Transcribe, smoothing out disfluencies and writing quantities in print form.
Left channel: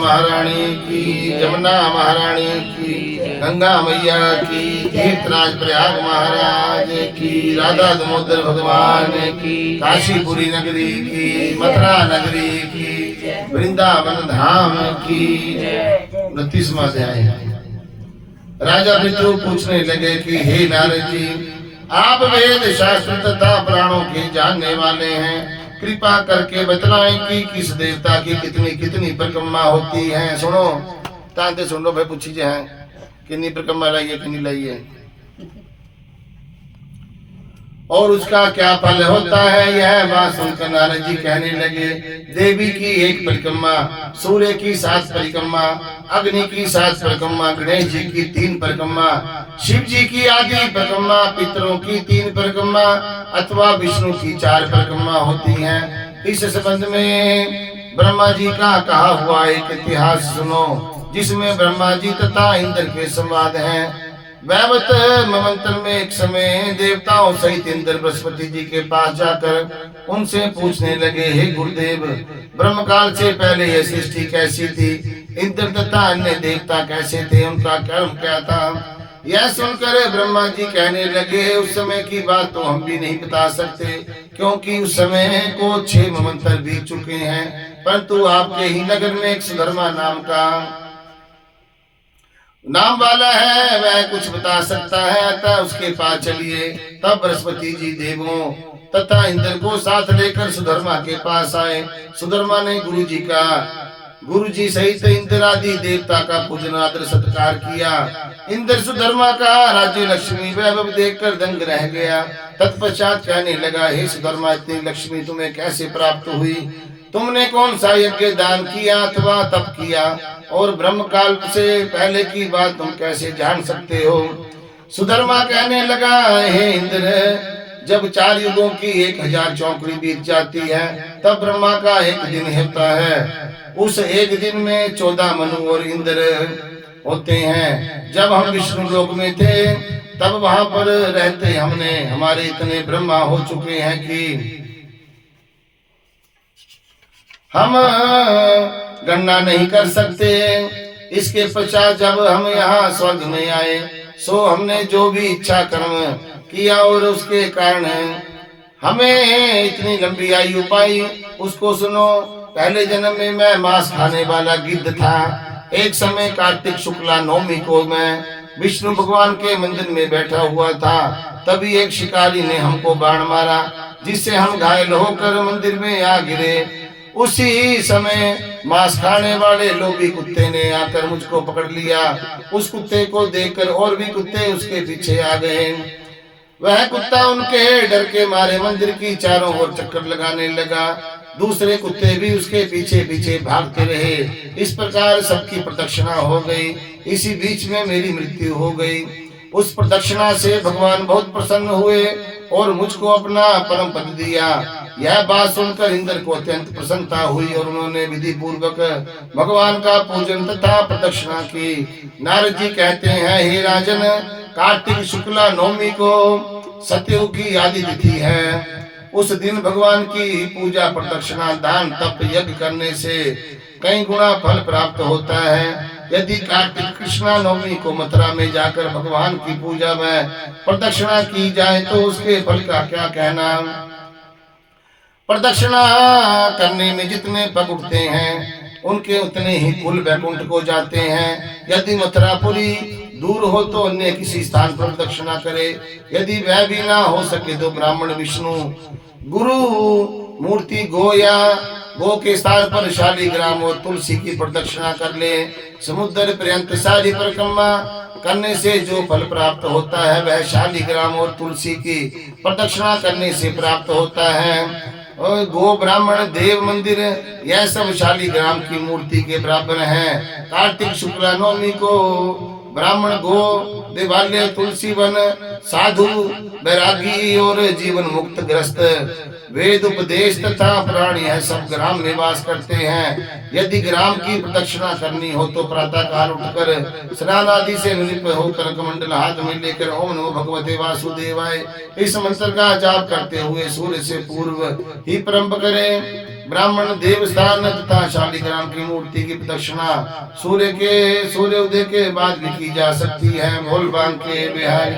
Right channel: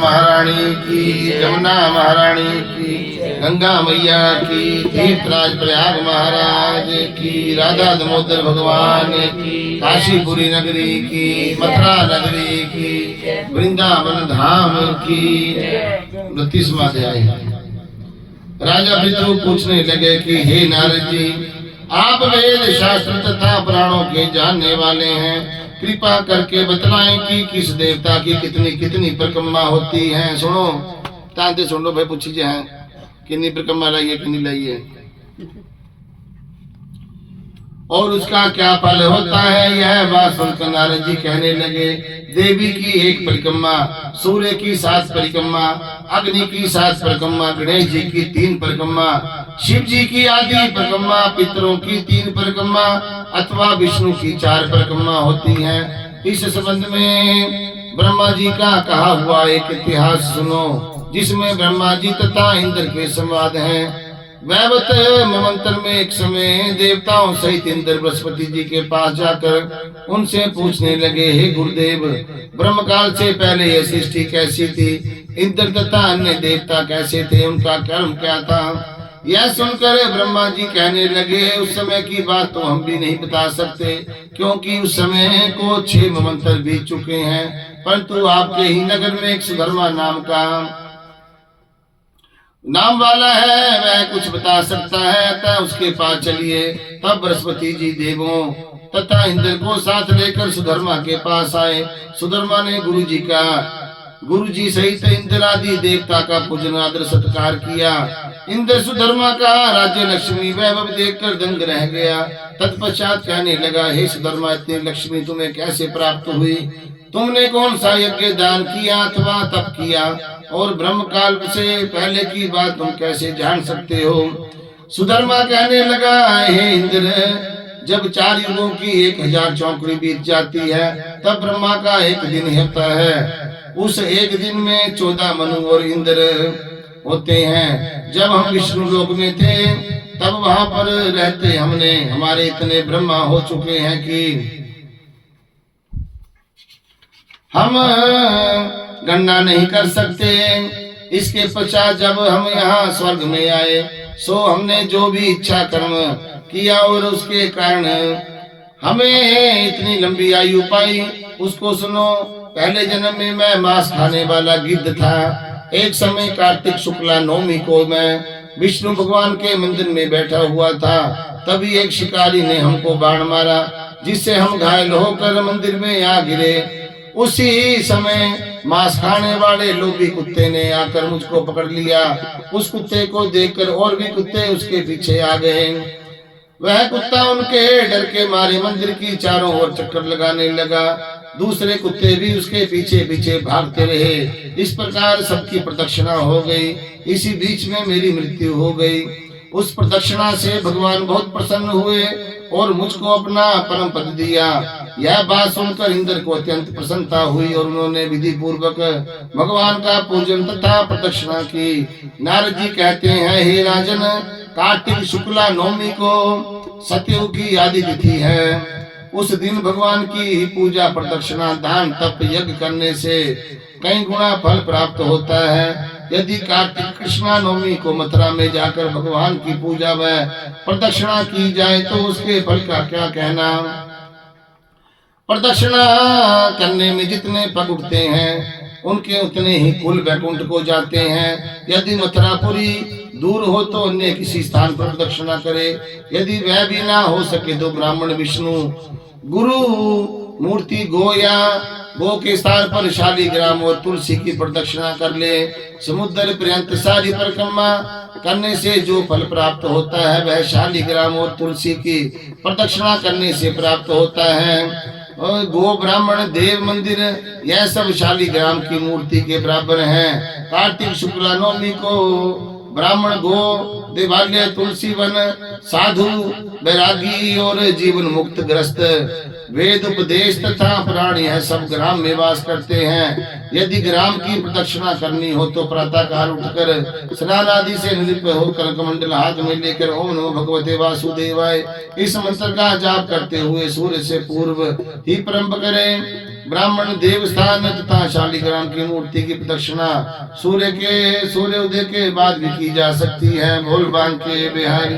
महारानी की, जमुना महारानी की, गंगा मैया की, तीर्थराज प्रयाग महाराज की, राधा दामोदर भगवान की, काशीपुरी नगरी की, मथुरा नगरी की, वृंदावन धाम की। 29वां अध्याय। राजा पितृ पूछने लगे कि हे नारद जी, आप वेद शास्त्र तथा पुराणों के जानने वाले हैं, कृपा करके बतलाएं कि किस देवता की कितनी कितनी परिक्रमा होती है। सुनो तांते सुन लो भाई, पूछी जाए कितनी परिक्रमा लाइए कितनी लाइए, और उसका क्या फल होता है। यह बात सुनकर नारद जी कहने लगे, देवी की 1 परिक्रमा, सूर्य की 7 परिक्रमा, अग्नि की 7 परिक्रमा, गणेश जी की 3 परिक्रमा, शिव जी की आदि परिक्रमा, पितरों की 3 परिक्रमा अथवा विष्णु की 4 परिक्रमा होती हैं। इस संबंध में ब्रह्मा जी का कहा हुआ एक इतिहास सुनो, जिसमें ब्रह्मा जी तथा इंद्र के संवाद हैं। वैवत मंत्र में एक समय देवताओं सहित इंद्र बृहस्पति जी के पास जाकर उनसे पूछने लगे, हे गुरुदेव, ब्रह्म काल से पहले यह सृष्टि कैसी थी, इंद्र तथा अन्य देवता कैसे थे, उनका कर्म क्या था। यह सुनकर ब्रह्मा जी कहने लगे, उस समय की बात तो हम भी नहीं बता सकते, क्योंकि उस समय को 6 मंत्र बीत चुके हैं। परंतु आपके ही नगर में एक सुधर्मा नाम वाला है, वह कुछ बता सकता है, अतः उसके पास चलिए। तब बृहस्पति जी देवों तथा इंद्र को साथ लेकर सुधर्मा के पास आए। सुधर्मा ने गुरु जी सहित इंद्र आदि देवता का पूजन आदर सत्कार किया। इंद्र सुधर्मा का राज्य लक्ष्मी वैभव देखकर दंग रह गया। तत्पश्चात कहने लगा, हे सुधर्मा, इतनी लक्ष्मी तुम्हें कैसे प्राप्त हुई, तुमने कौन सा यज्ञ दान किया अथवा तप किया, और ब्रह्म काल से पहले की बात तुम कैसे जान सकते हो। सुधर्मा कहने लगा, हे इंद्र, जब 4 युगों की 1000 चौकड़ी बीत जाती है, तब ब्रह्मा का एक दिन होता है। उस एक दिन में 14 मनु और इंद्र होते हैं। जब हम विष्णु लोक में थे, तब वहां पर रहते हमारे इतने ब्रह्मा हो चुके हैं कि हम गणना नहीं कर सकते। इसके पश्चात जब हम यहाँ स्वर्ग में आए, सो हमने जो भी इच्छा कर्म किया और उसके कारण हमें इतनी लंबी आयु पाई, उसको सुनो। पहले जन्म में मैं मांस खाने वाला गिद्ध था। एक समय कार्तिक शुक्ला नवमी को मैं विष्णु भगवान के मंदिर में बैठा हुआ था। तभी एक शिकारी ने हमको बाण मारा, जिससे हम घायल होकर मंदिर में आ गिरे। उसी समय मांस खाने वाले लोभी कुत्ते ने आकर मुझको पकड़ लिया। उस कुत्ते को देखकर और भी कुत्ते उसके पीछे आ गए। वह कुत्ता उनके डर के मारे मंदिर की चारों ओर चक्कर लगाने लगा। दूसरे कुत्ते भी उसके पीछे पीछे भागते रहे। इस प्रकार सबकी प्रदक्षिणा हो गई। इसी बीच में मेरी मृत्यु हो गई। उस प्रदक्षिणा से भगवान बहुत प्रसन्न हुए और मुझको अपना परम पद दिया। यह बात सुनकर इंद्र को अत्यंत प्रसन्नता हुई और उन्होंने विधि पूर्वक भगवान का पूजन तथा प्रदक्षिणा की। नारद जी कहते हैं, हे राजन, कार्तिक शुक्ला नवमी को सतयुग की आदि तिथि है। उस दिन भगवान की पूजा प्रदक्षिणा दान तप यज्ञ करने से कई गुना फल प्राप्त होता है। यदि कार्तिक कृष्णा नवमी को मथुरा में जाकर भगवान की पूजा व प्रदक्षिणा की जाए तो उसके फल का क्या कहना। प्रदक्षिणा करने में जितने पग उठते हैं उनके उतने ही कुल वैकुंठ को जाते हैं। यदि मथुरापुरी दूर हो तो अन्य किसी स्थान पर प्रदक्षिणा करे। यदि वह भी ना हो सके तो ब्राह्मण विष्णु गुरु मूर्ति गो या गो के स्थान पर शालिग्राम और तुलसी की प्रदक्षिणा कर ले। समुद्र पर्यंत सारी परिक्रमा करने से जो फल प्राप्त होता है वह शालिग्राम और तुलसी की प्रदक्षिणा करने से प्राप्त होता है। और गो ब्राह्मण देव मंदिर यह सब शालिग्राम की मूर्ति के बराबर हैं। कार्तिक शुक्ला नवमी को ब्राह्मण गो देवालय तुलसी वन साधु बैरागी और जीवन मुक्त ग्रस्त वेद उपदेश तथा पुराण यह सब ग्राम में वास करते हैं। यदि ग्राम की प्रदक्षिणा करनी हो तो प्रातः काल उठकर स्नान आदि से निलिप्त होकर कमंडल हाथ में लेकर ओम नमो भगवते वासुदेवाय इस मंत्र का जाप करते हुए सूर्य से पूर्व ही प्रारंभ करें। ब्राह्मण देवस्थान तथा शालिग्राम की मूर्ति की प्रदक्षिणा सूर्य उदय के बाद भी की जा सकती है। बोल बांके बिहारी।